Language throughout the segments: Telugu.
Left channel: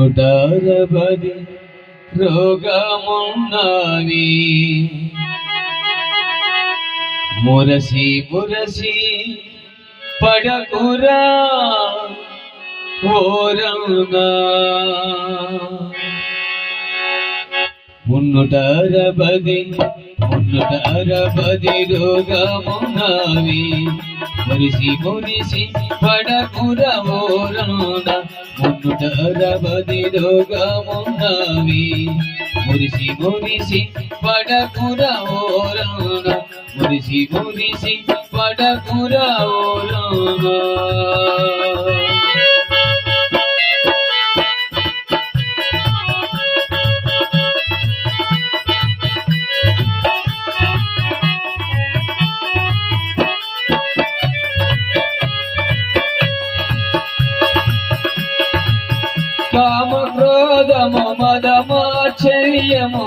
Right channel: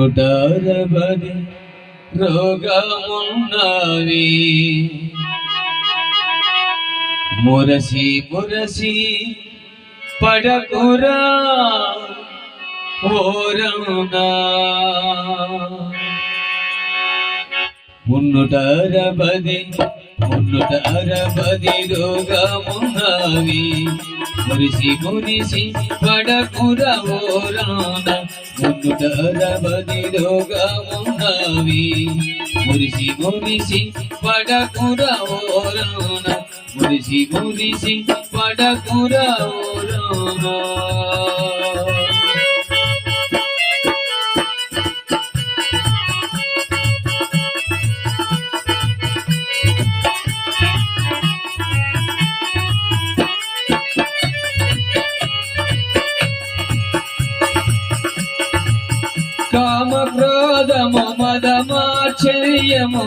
160 రోగమున్నవి మురసి మురసి పడకురా ఓరనా 160 రోగమున్నవి మురిసి మురిసి పడకురా ఓరనా 160 రోగమున్నవి మురిసి మురిసి పడకురా ఓరనా మురిసి మురిసి పడకురా ఓరనా కామ క్రోధము మదమాశ్చర్యము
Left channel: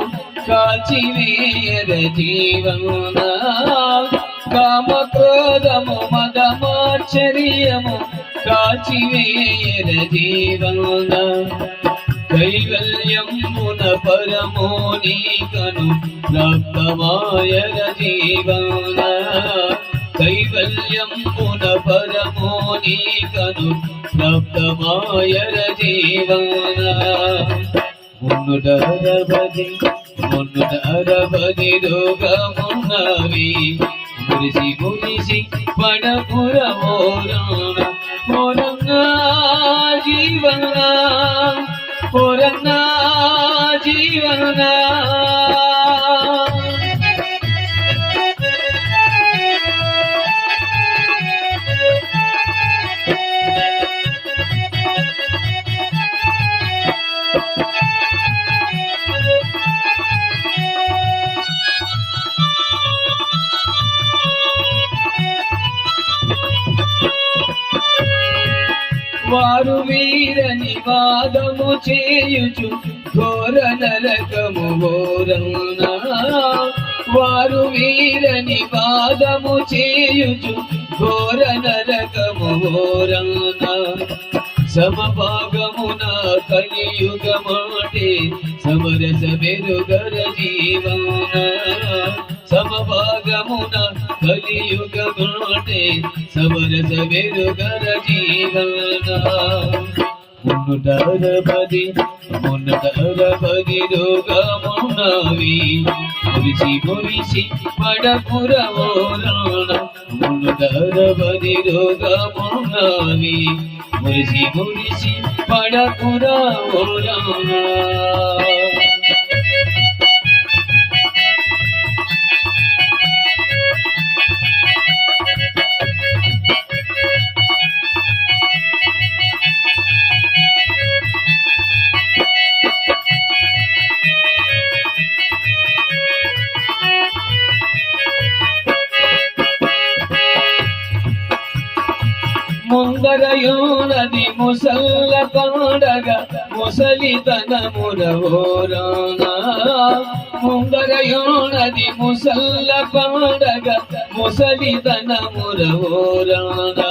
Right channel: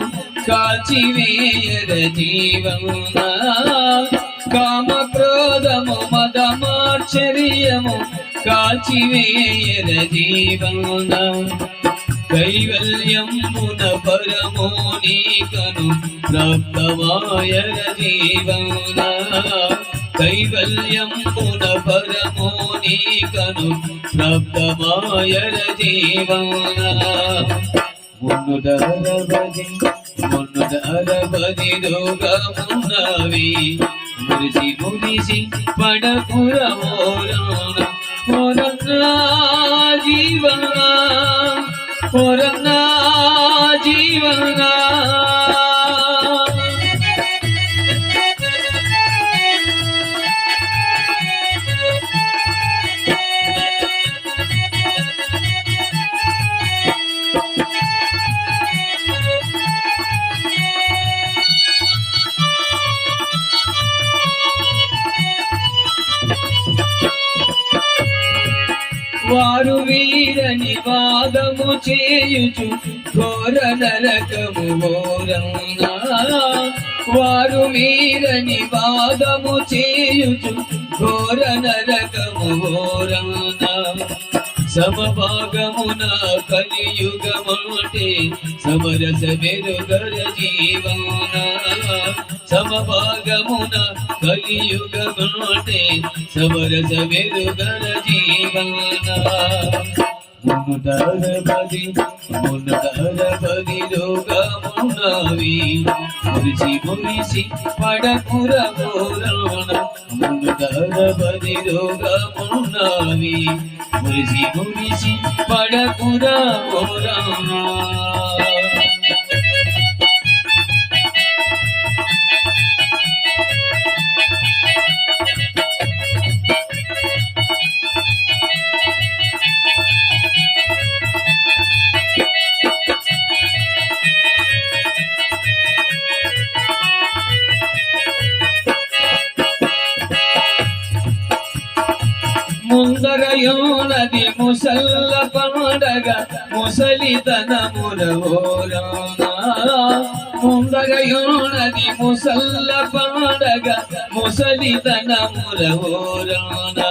కాల్చివేయర జీవమున కామ క్రోధము మదమాశ్చర్యము కాల్చివేయర జీవమున కైవల్యమున పరమోనికను ప్రాప్తమాయర జీవమున కైవల్యమున పరమోనికను ప్రాప్తమాయర జీవన 160 రోగమున్నవి మురిసి మురిసి పడకుర ఓరనా ఓరన్నా జీవనా ఓరన్నా జీవనా వారు వీరని వాదము చేయుచు ఘోర నరకము ఘోరనా వారు వీరని వాదము చేయుచు ఘోర నరకము ఘోరనా సమభాగమున కలియుగమాటే సమరస మెరుగర జీవన సమభాగమున కలియుగమాటే సమరస మెరుగర జీవన 160 రోగమున్నవి మురిసి మురిసి పడకుర ఓరనా 160 రోగమున్నవి మురిసి మురిసి పడకుర ఓరనా ముందరయోనది ముసల్ల పండగ ముసలితనముర ఓరనా ముందరయోనది ముసల్ల పండగ ముసలితనముర ఓరనా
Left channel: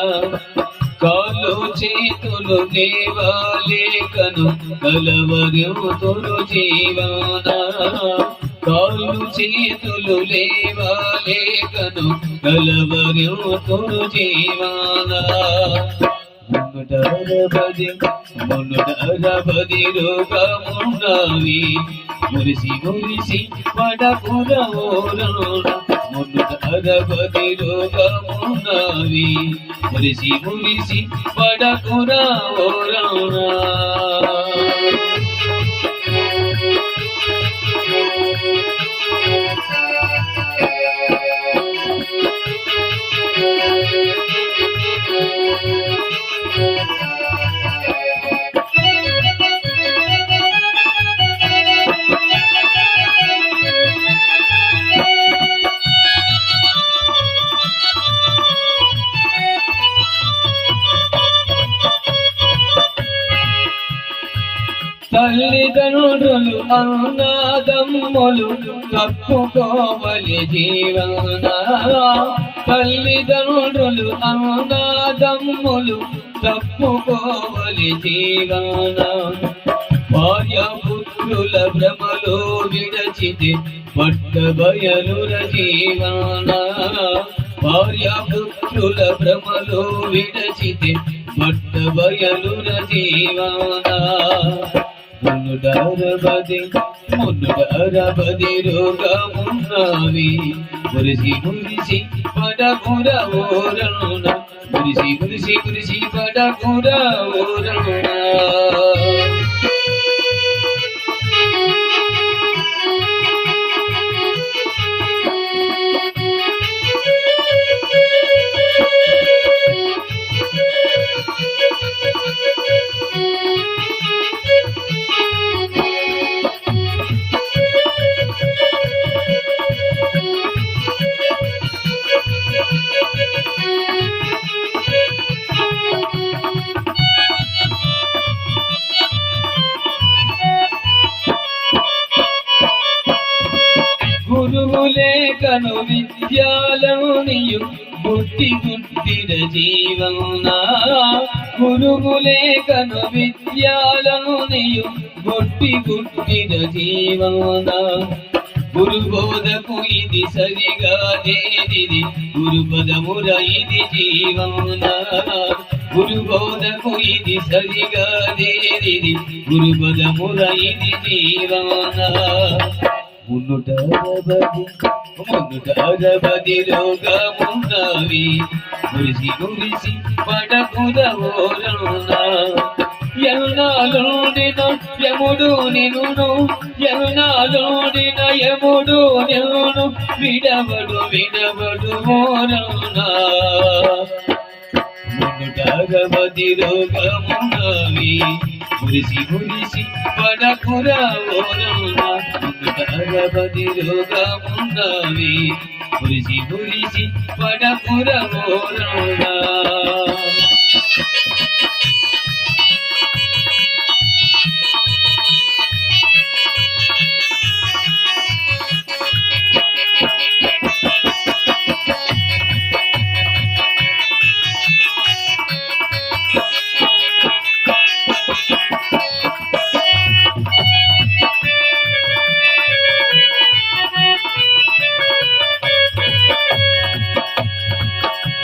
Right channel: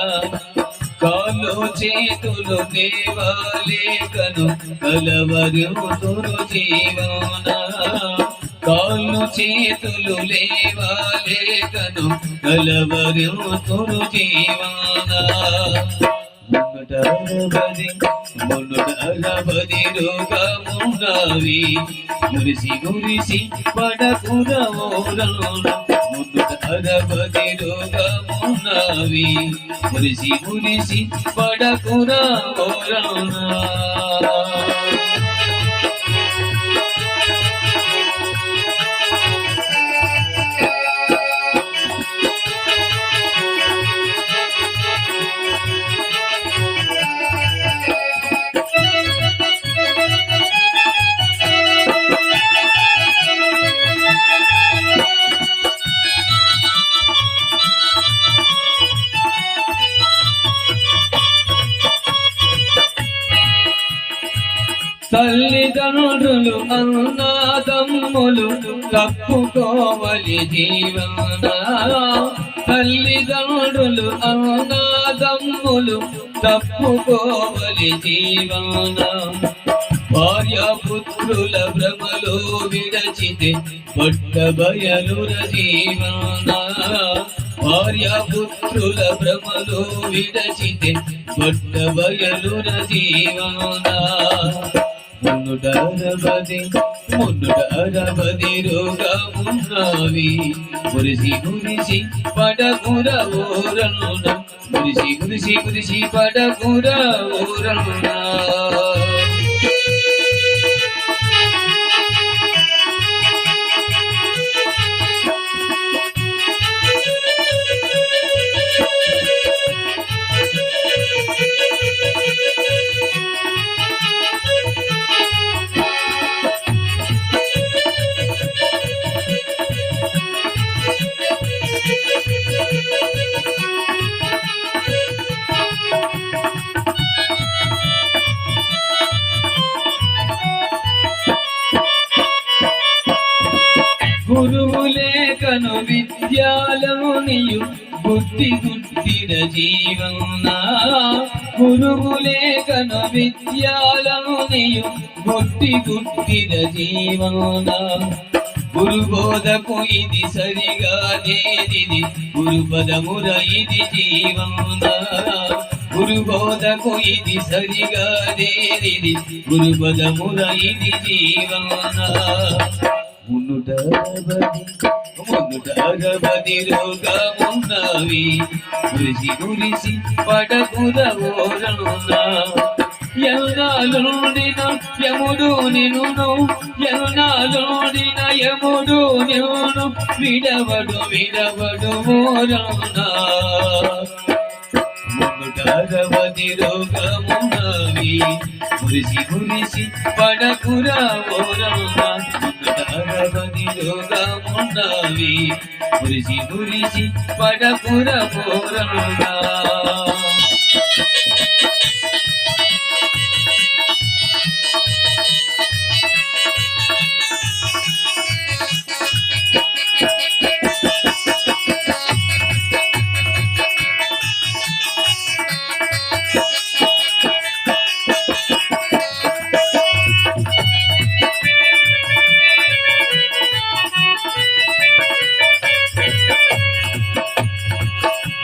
కాళ్ళు చేతులు లేవలేకను కలవరుతురు జీవన కాళ్ళు చేతులు లేవలేకను కలవరుతురు జీవన 160 రోగమున్నవి మురిసి మురిసి పడకుర ఓరనా 160 రోగమున్నవి మురిసి మురిసి పడకుర ఓరనా తల్లిదండ్రులు అన్నదమ్ములు తప్పుకోవలి జీవన తల్లిదండ్రులు అన్నదమ్ములు తప్పుకోవలి జీవన భార్యాపుత్రుల భ్రమలో విడచితే పట్ట బయలుర జీవన భార్యాపుత్రుల భ్రమలో విడచితే పట్ట బయలుర జీవన మున్నుడరబది రోగమున్నవి మురిసి మురిసి పడకుర ఓరనున మురిసి మురిసి మురిసి పడకుర ఓరనున గురువులేకను విద్యాలనియు గుట్టి గుట్టిన జీవన గురువులేకను విద్యాలనియు గుట్టి గుట్టిన జీవన గురుబోధకు ఇది సరిగా దేనిది గురుపదముర ఇది జీవన గురుబోధకు ఇది సరిగా దేనిది గురుపదముర ఇది జీవన మున్నుటరబది రోగమున్నవి మురిసి మురిసి పడకుర ఓరనున ఎన్నాలోడిన యముడు నిన్ను ఎన్నాలోడిన యముడు నిన్ను విడవడు విడవడు ఓరనున మున్నుటరబది రోగమున్నవి మురిసి మురిసి పడకుర ఓరనున మున్నుటరబది రోగమున్నవి మురిసి మురిసి పడకుర ఓరనున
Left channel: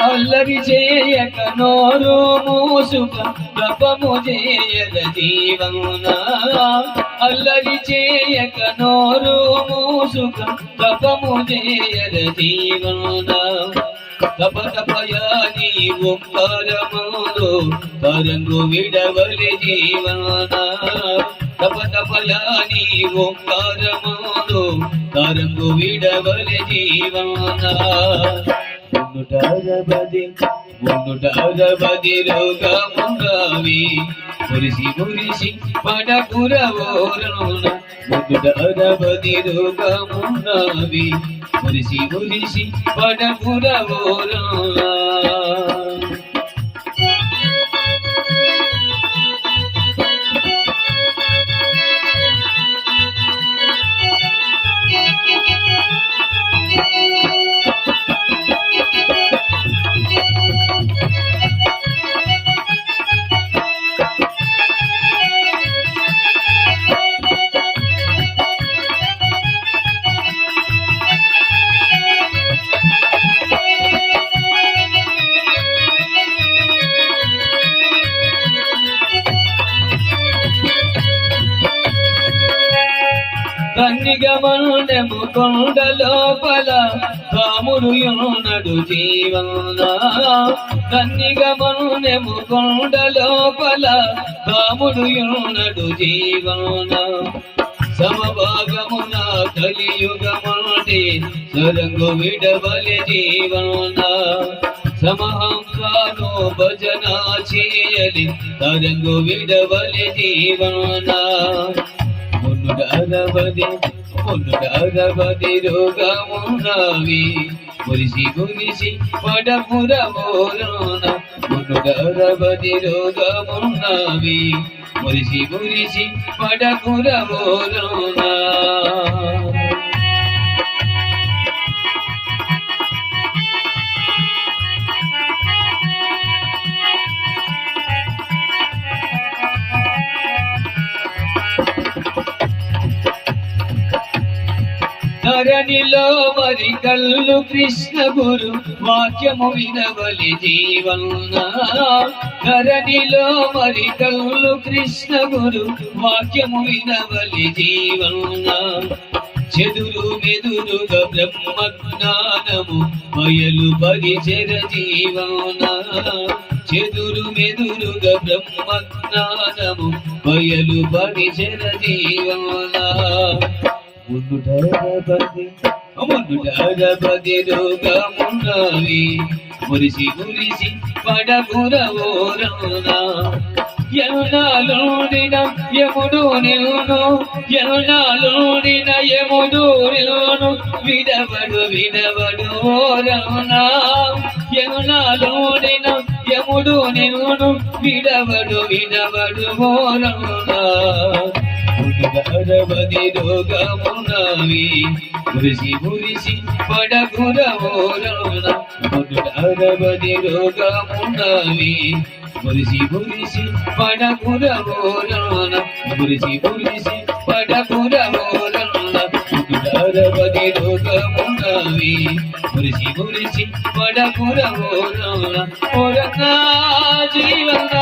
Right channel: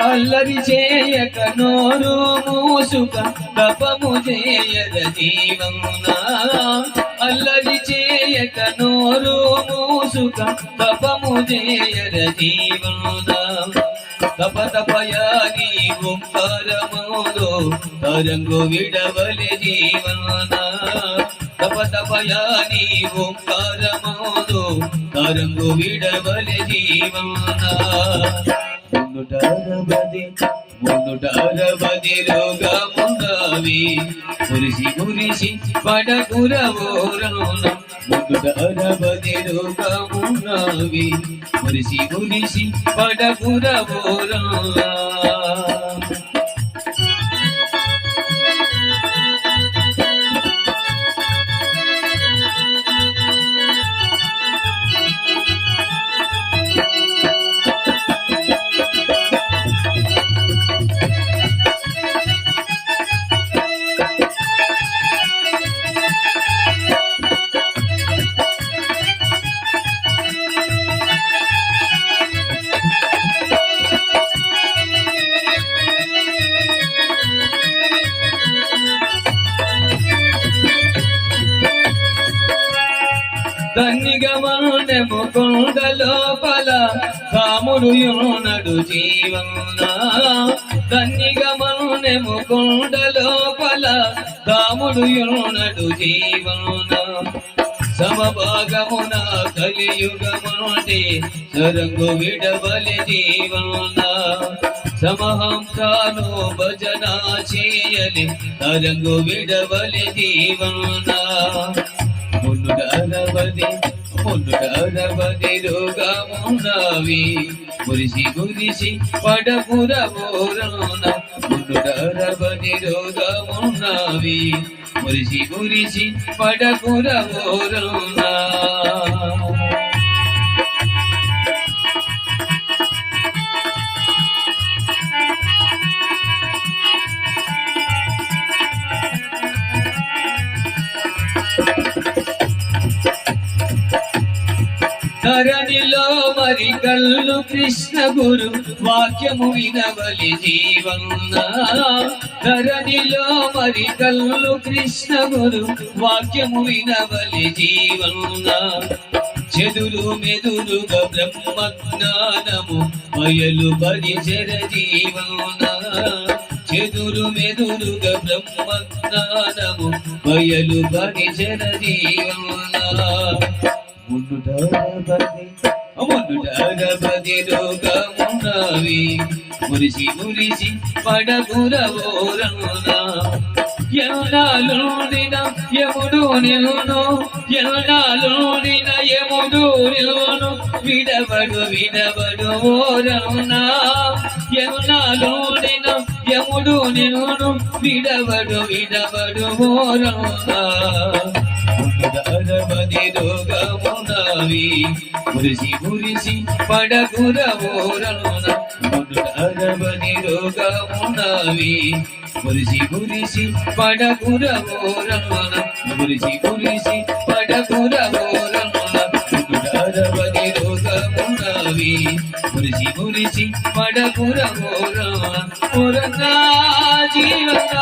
అల్లరి చేయక నోరు మూసుక తపము చేయక జీవన అల్లరి చేయక నోరు మూసుక తపము చేయక జీవన తప తపయాని ఓంకారములో తరంగు విడవలి జీవన తప తపయాని ఓంకారములో తరంగు విడవలి జీవన మున్నుటరబది రోగమున్నవి మురిసి మురిసి పడకుర ఓరనున మున్నుటరబది రోగమున్నవి మురిసి మురిసి పడకుర ఓరనున కన్నిగమనము కొండ లోపల రాముడు యునడు జీవన కన్నిగమనము కొండ లోపల రాముడు యునడు జీవన సమభాగమున కలియుగమంటే సరంగు విడవలి జీవన సమహంసాను భజన చేయలి తరంగు విడవలి జీవన మున్నుటరబది రోగమున్నవి మురిసి మురిసి పడకుర ఓరనున మున్నుటరబది రోగమున్నవి మురిసి మురిసి పడకుర ఓరనున ధరణిలో మరి కళ్ళు కృష్ణ గురు వాక్యము వినవలి జీవన ధరణిలో మరి కళ్ళు కృష్ణ గురు వాక్యము వినవలి జీవన చెదురు మెదురుగా బ్రహ్మజ్ఞానము బయలు పరిచర జీవన చెదురు మెదురుగా బ్రహ్మజ్ఞానము బయలు పరిచర జీవన మునుడరబది రోగమున్నవి మురిసి మురిసి పడగురవోరణ యమునాలోనిన యముడు నిన్ను యమునాలోనిన యముడు నిన్ను విడవడు విడవడు ఓరణ యమునాలోనిన యముడు నిన్ను విడవడు విడవడు ఓరణ మునుడరబది రోగమున్నవి మురిసి మురిసి పడగురవోరణ మునుడరబది రోగమున్నవి మురిసి మురిసి పడగురవోరణ మురిసి మురిసి పడగురవోరణ మునుడరబది రోగమున్నవి మురిసి మురిసి పడగురవోరణ ఓరణ జీవన